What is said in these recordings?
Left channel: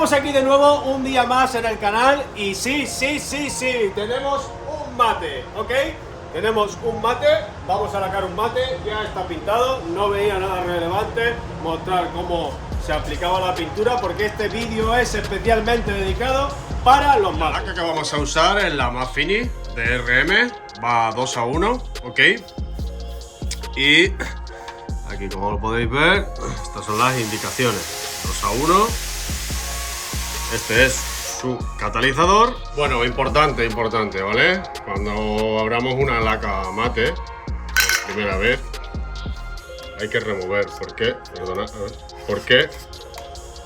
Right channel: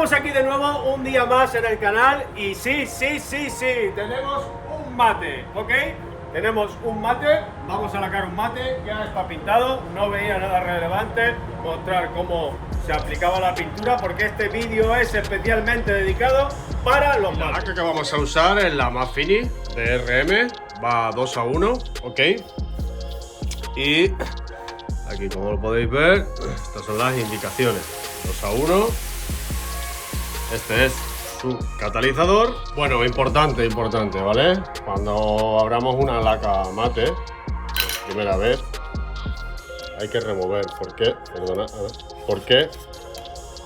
Estamos aquí de nuevo un día más en el canal y sí, tenemos un mate, ¿ok? Tenemos un mate, vamos a sacar un mate, ya está pintado, no veía nada relevante mostrar cómo se aplicaba la pintura porque este vídeo es especialmente dedicado para los mates. La laca que vamos a usar es la Mafini de RM, va 2:1, ¿ok? Y aquí, como lo podéis ver, estas son las indicaciones, 2:1. Este es su catalizador. Bueno, importante, ¿vale? Cuando abramos una laca mate por primera vez, hay que remover. ¿Por qué? Perdona, a ver. Porque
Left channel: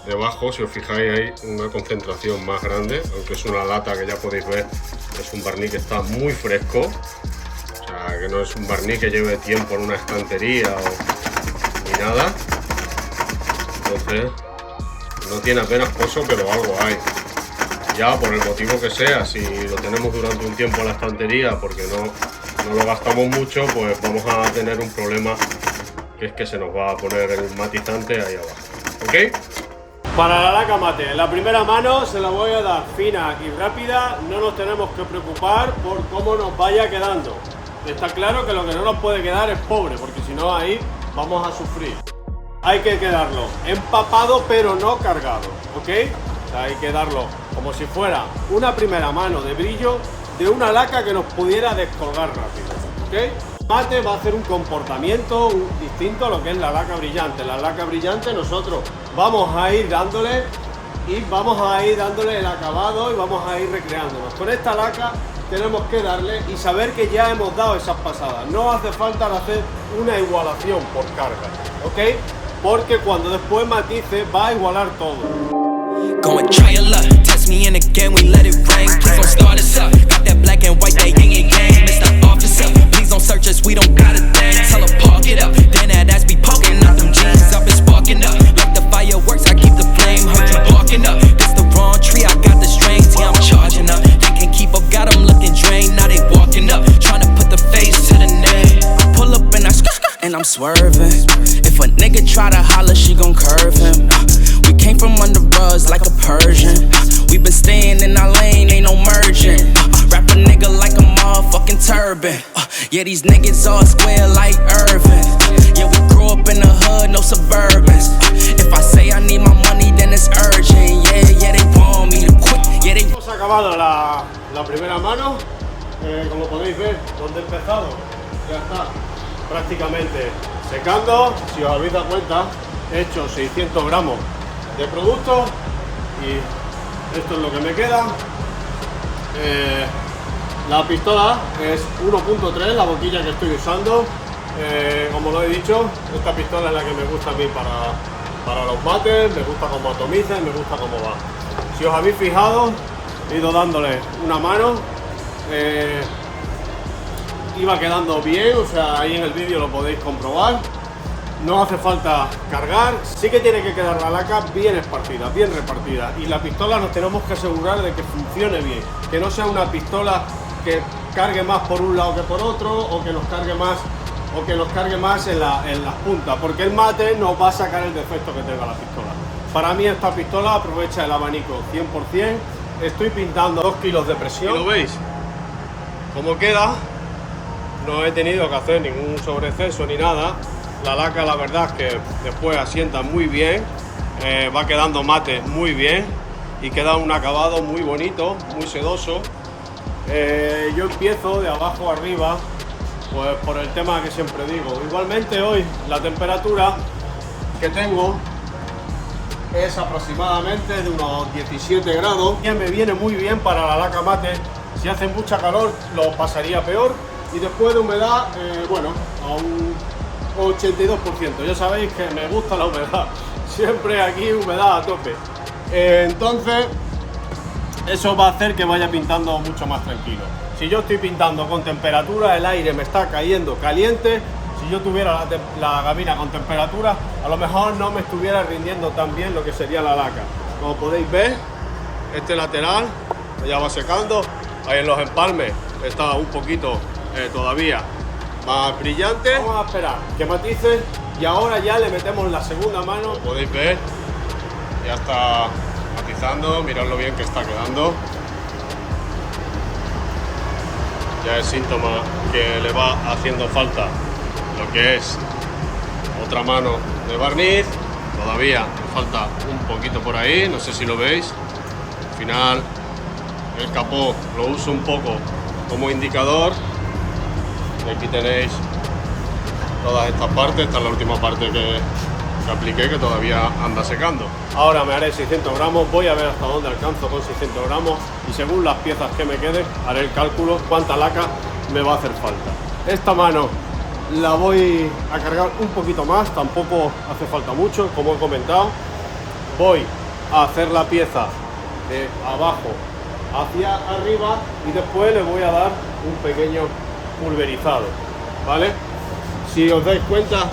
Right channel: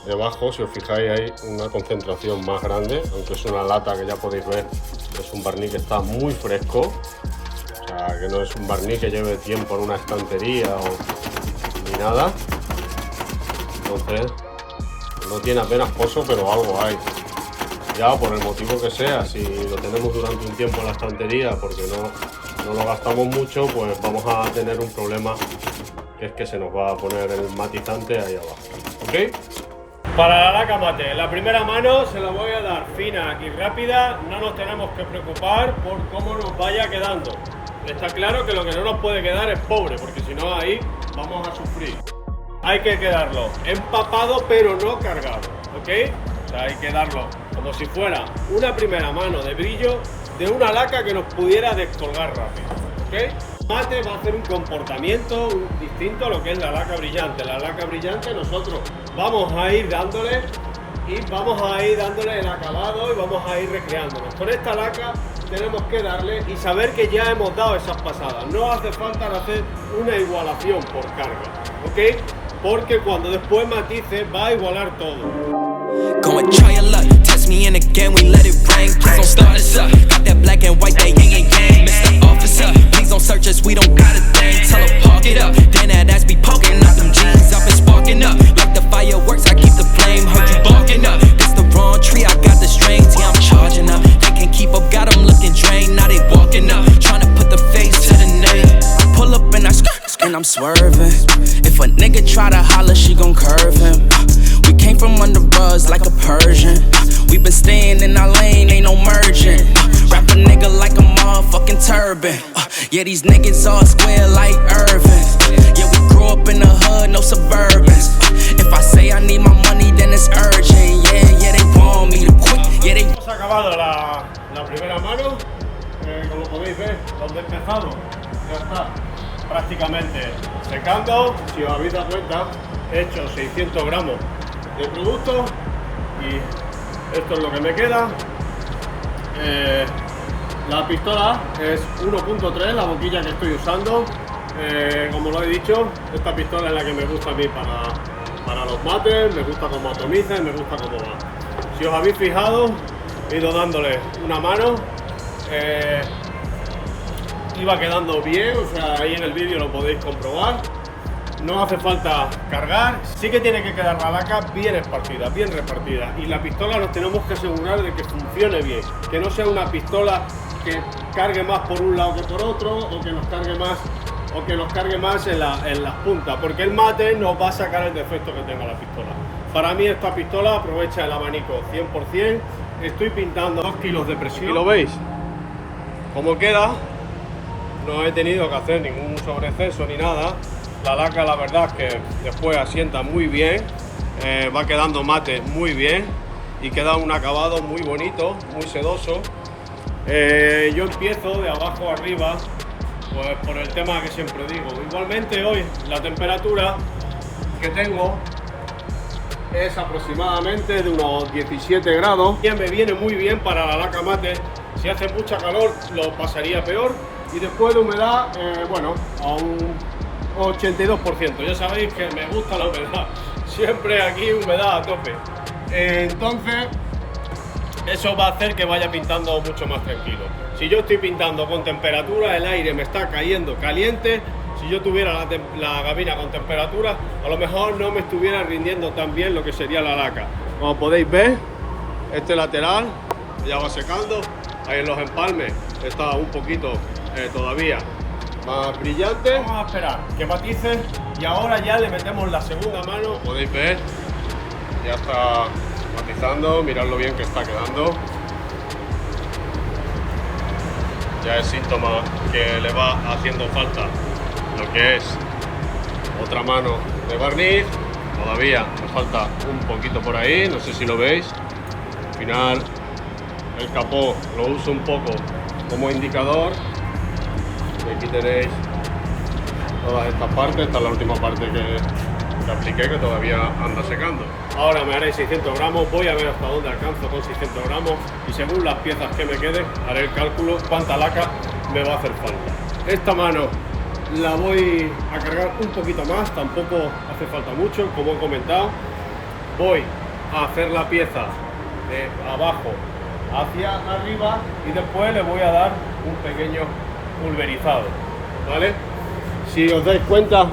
debajo, si os fijáis, hay una concentración más grande, aunque es una lata que ya podéis ver, es un barniz que está muy fresco. O sea, que no es un barniz que lleve tiempo en una estantería ni nada. Entonces, no tiene apenas pozo, pero algo hay. Ya por el motivo que sea, si lo tenemos durante un tiempo en la estantería porque no lo gastamos mucho, pues vamos a tener un problema, que es que se nos va a poner el matizante ahí abajo, ¿ok? Para la laca mate, la primera mano se la voy a dar fina y rápida, no nos tenemos que preocupar por cómo nos vaya quedando. Está claro que lo que no nos puede quedar es pobre, porque si no ahí vamos a sufrir. Hay que quedarlo empapado pero no cargado, ¿ok? O sea, hay que darlo como si fuera una primera mano de brillo de una laca que nos pudiera descolgar rápido, ¿ok? Mate va a hacer un comportamiento distinto a lo que es la laca brillante. La laca brillante nosotros vamos a ir dándole el acabado y vamos a ir recreándonos. Con esta laca tenemos que darle y saber que ya hemos dado esas pasadas. No hace falta hacer una igualación por carga, ¿ok? Porque cuando después matice va a igualar todo. Go and try your luck, test me in again, we let it rain. Please don't start us up, got that black and white, that yin and yang. Mr. Officer, please don't search us, we don't got a thing. Tell her park it up, then that ass be poking out them jeans. I've been sparking up, like the fireworks, I keep the flame. Heard you barking up, this the wrong tree, I got the strings. Yeah, I'm charging up, they can't keep up, got them looking drained. Now they walking up, trying to put the face to the name. I pull up and I and I'm swerving. If a nigga try to holler, she gon' curve him. We came from under rugs like a Persian. We been staying in our lane, ain't no merging. Wrap a nigga like a motherfucking turban. Yeah, these niggas all square like Irvin. Yeah, we grew up in the hood, no Suburbans. If I say I need my money, then it's urgent. Yeah, they want me to quit. Yeah, they. Hemos acabado la primera mano. Como podéis ver, donde he empezado, ya está prácticamente secando. Si os habéis dado cuenta, he hecho 600 gramos de producto y esto es lo que me queda. La pistola es 1.3, la boquilla que estoy usando. Como lo he dicho, esta pistola es la que me gusta a mí para los mates, me gusta como atomiza y me gusta cómo va. Si os habéis fijado, he ido dándole una mano, iba quedando bien, o sea, ahí en el vídeo lo podéis comprobar. No hace falta cargar, sí que tiene que quedar la laca bien esparcida, bien repartida, y la pistola nos tenemos que asegurar de que funcione bien, que no sea una pistola que cargue más por un lado que por otro, o que nos cargue más en las puntas, porque el mate nos va a sacar el defecto que tenga la pistola. Para mí esta pistola aprovecha el abanico 100%, estoy pintando 2 kilos de presión. ¿Y lo veis? Como queda, no he tenido que hacer ningún sobreexceso ni nada. La laca, la verdad es que después asienta muy bien, va quedando mate muy bien y queda un acabado muy bonito, muy sedoso. Yo empiezo de abajo arriba, pues por el tema que siempre digo. Igualmente hoy la temperatura que tengo es aproximadamente de unos 17 grados, que me viene muy bien para la laca mate. Si hace mucha calor lo pasaría peor, y después de humedad, bueno, a un 82%. Ya sabéis que me gusta la humedad, siempre aquí humedad a tope. Entonces eso va a hacer que vaya pintando mucho más tranquilo. Si yo estoy pintando con temperatura, el aire me está cayendo caliente. Si yo tuviera la gabina con temperatura, a lo mejor no me estuviera rindiendo tan bien lo que sería la laca. Como podéis ver, este lateral ya va secando. Ahí en los empalmes está un poquito todavía más brillante. Vamos a esperar que matice y ahora ya le metemos la segunda mano. Como podéis ver, ya está matizando, mirad lo bien que está quedando. Ya es síntoma que le va haciendo falta lo que es otra mano de barniz. Todavía me falta un poquito por ahí, no sé si lo veis. Al final el capó lo uso un poco como indicador. Y aquí tenéis todas estas partes. Esta es la última parte que apliqué, que todavía anda secando. Ahora me haré 600 gramos, voy a ver hasta dónde alcanzo con 600 gramos y según las piezas que me queden haré el cálculo cuánta laca me va a hacer falta. Esta mano la voy a cargar un poquito más, tampoco hace falta mucho, como he comentado. Voy a hacer la pieza de abajo hacia arriba y después le voy a dar un pequeño pulverizado, ¿vale? Si os dais cuenta,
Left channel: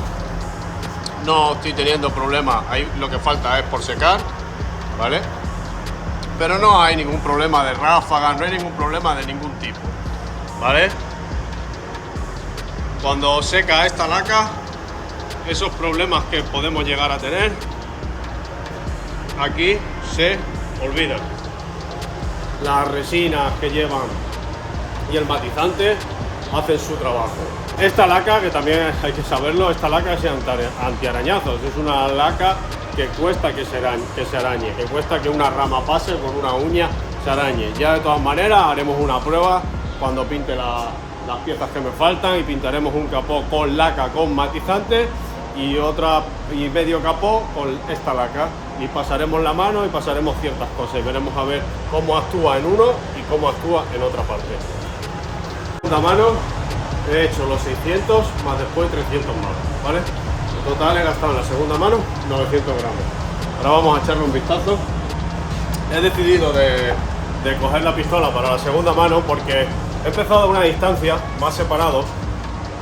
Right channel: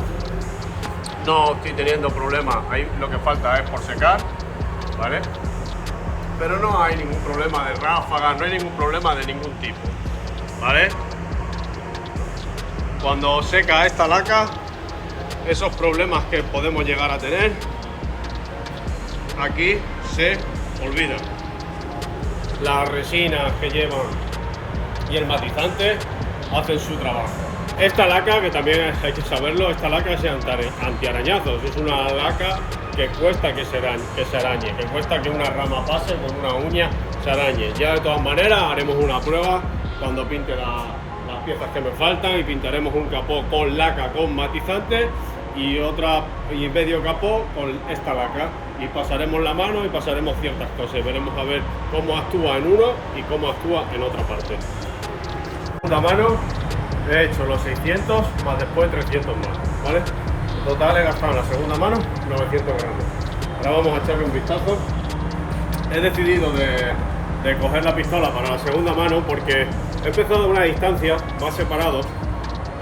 no estoy teniendo problema, ahí lo que falta es por secar, ¿vale? Pero no hay ningún problema de ráfagas, no hay ningún problema de ningún tipo, ¿vale? Cuando seca esta laca, esos problemas que podemos llegar a tener, aquí se olvidan. Las resinas que llevan y el matizante hacen su trabajo. Esta laca, que también hay que saberlo, esta laca es antiarañazos, es una laca que cuesta que se arañe, que cuesta que una rama pase con una uña se arañe. Ya de todas maneras haremos una prueba cuando pinte las piezas que me faltan y pintaremos un capó con laca con matizante y medio capó con esta laca y pasaremos la mano y pasaremos ciertas cosas y veremos a ver cómo actúa en uno y cómo actúa en otra parte. Esta mano he hecho los 600 más después 300 más, ¿vale? En total he gastado en la segunda mano 900 gramos. Ahora vamos a echarle un vistazo. He decidido de coger la pistola para la segunda mano porque he empezado a una distancia más separado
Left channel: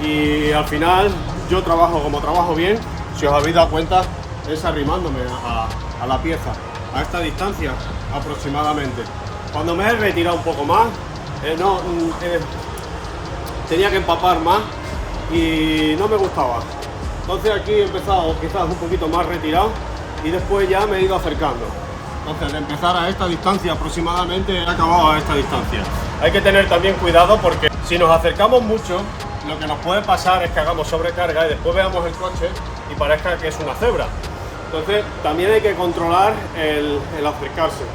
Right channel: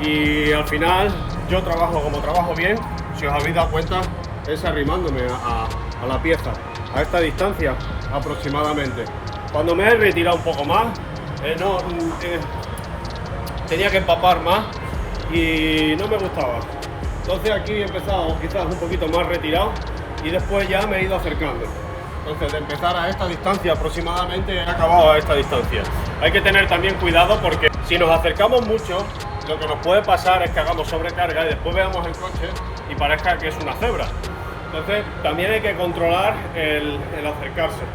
y al final yo trabajo como trabajo bien, si os habéis dado cuenta, es arrimándome a la pieza a esta distancia aproximadamente. Cuando me he retirado un poco más, tenía que empapar más y no me gustaba. Entonces aquí he empezado quizás un poquito más retirado y después ya me he ido acercando. Entonces de empezar a esta distancia aproximadamente he acabado a esta distancia. Hay que tener también cuidado porque si nos acercamos mucho, lo que nos puede pasar es que hagamos sobrecarga y después veamos el coche y parezca que es una cebra. Entonces también hay que controlar el acercarse.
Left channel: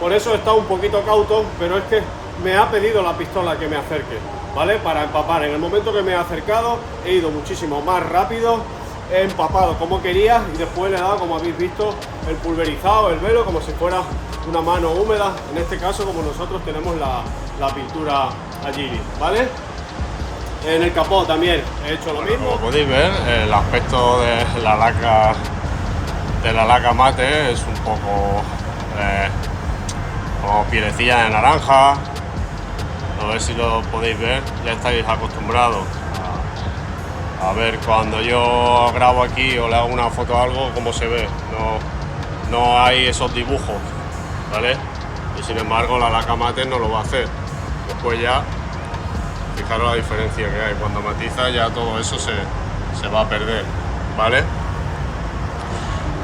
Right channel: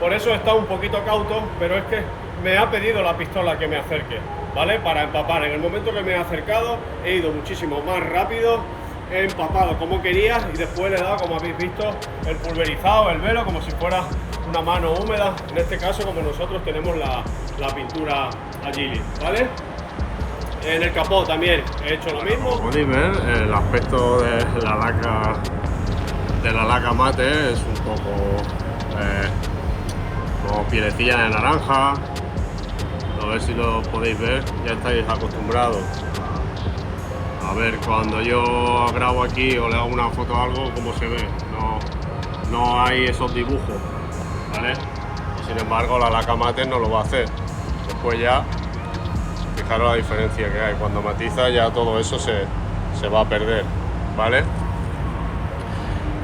Por eso he estado un poquito cauto, pero es que me ha pedido la pistola que me acerque, ¿vale? Para empapar. En el momento que me he acercado he ido muchísimo más rápido, he empapado como quería y después le he dado, como habéis visto, el pulverizado, el velo, como si fuera una mano húmeda. En este caso, como nosotros tenemos la pintura Agili, ¿vale? En el capó también he hecho lo mismo. Como podéis ver, el aspecto de la laca mate es un poco como pielecilla de naranja. A ver si lo podéis ver, ya estáis acostumbrados a ver cuando yo grabo aquí o le hago una foto o algo, cómo se ve. No hay esos dibujos, ¿vale? Y sin embargo la laca mate no lo va a hacer. Después ya, fijaros la diferencia que hay. Cuando matiza ya todo eso se va a perder, ¿vale?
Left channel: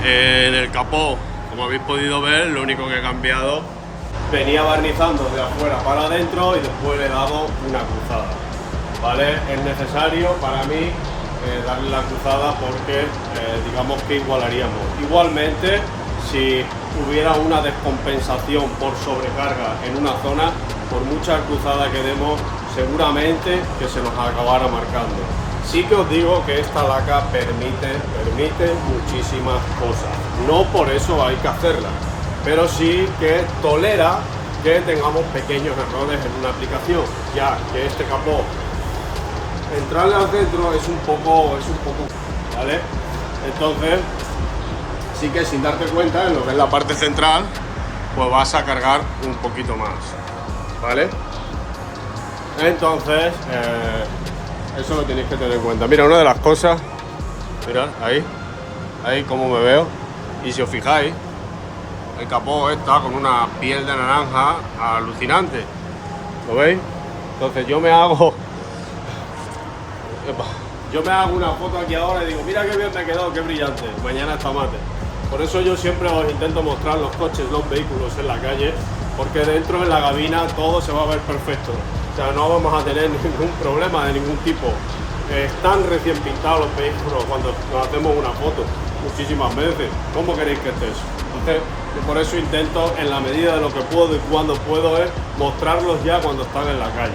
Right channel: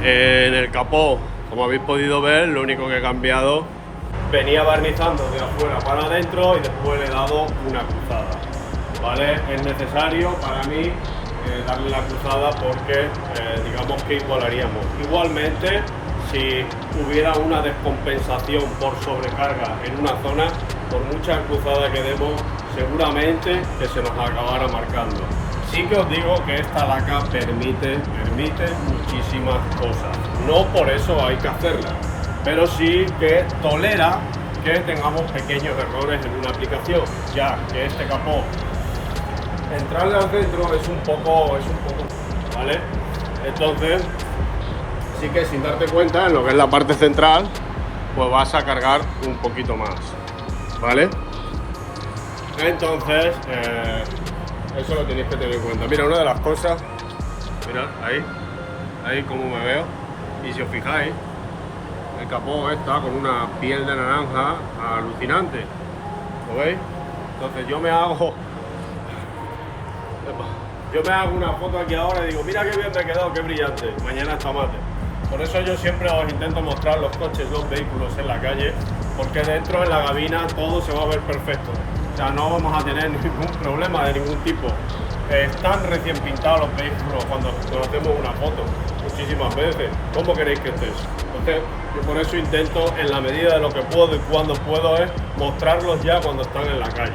En el capó, como habéis podido ver, lo único que he cambiado, venía barnizando de afuera para adentro y después le he dado una cruzada, ¿vale? Es necesario para mí darle la cruzada porque digamos que igualaríamos. Igualmente, si hubiera una descompensación por sobrecarga en una zona, por mucha cruzada que demos, seguramente que se nos acabara marcando. Sí que os digo que esta laca permite muchísimas cosas. No por eso hay que hacerla, pero sí que tolera que tengamos pequeños errores en una aplicación, ya que este capó, entrarle al centro es un poco, ¿vale? Entonces, sí que sin darte cuenta, en lo que es la parte central, pues vas a cargar un poquito más, ¿vale? Entonces, eso lo tenéis que tener en cuenta. Mira, una de las cosas, mirad, ahí como me veo, y si os fijáis, el capó está con una piel de naranja alucinante, ¿lo veis? Entonces yo me hago una foto aquí ahora y digo, mira qué bien me quedó, qué brillante, mañana está mate. Por eso yo siempre os intento mostrar los coches, los vehículos en la calle, porque dentro en la cabina todo se va a ver perfecto. O sea, no vamos a tener ningún problema de ningún tipo. Están recién pintados los vehículos cuando nos hacemos una foto muchísimas veces. ¿Cómo queréis que estés? Entonces, yo por eso intento, en la medida de lo que puedo y cuando puedo, es mostrarlos ya cuando están en la calle.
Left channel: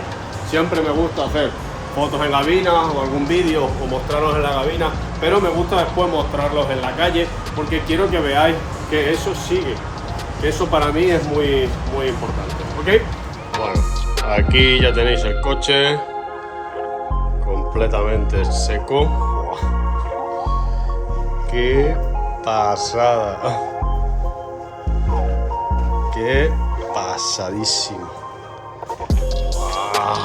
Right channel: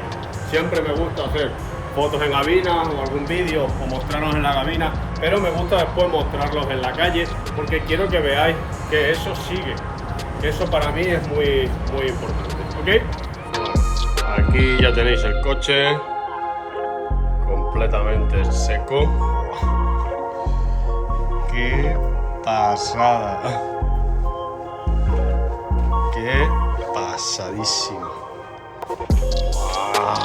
Siempre me gusta hacer fotos en cabina o algún vídeo o mostrarlos en la cabina, pero me gusta después mostrarlos en la calle porque quiero que veáis que eso sigue. Eso para mí es muy, muy importante. ¿Ok? Bueno, aquí ya tenéis el coche completamente seco. ¡Wow! ¡Qué pasada! ¡Qué pasadísimo! ¡Wow!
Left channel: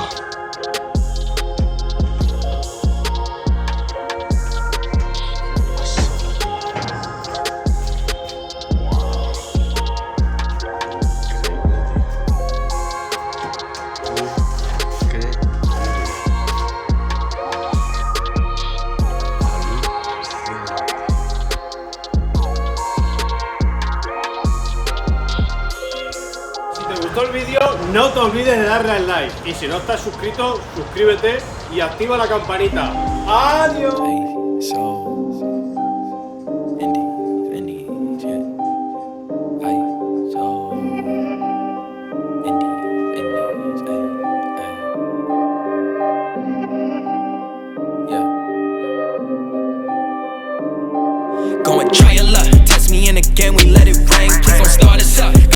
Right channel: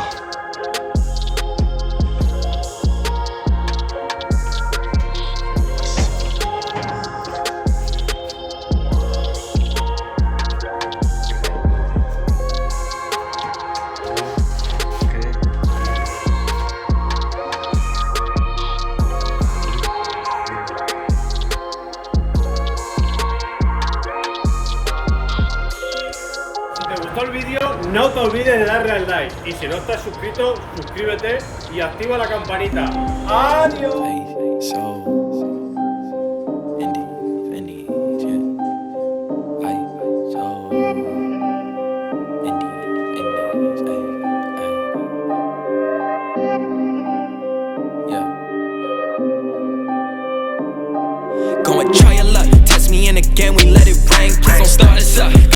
Si te gustó el vídeo, no te olvides de darle al like. Y si no estás suscrito, suscríbete y activa la campanita. ¡Adiós! Hey, so Indies, yeah. Hey, so Indies, hey. Yeah. Go and try your luck. Test me in again, we let it rain. Please don't start us up.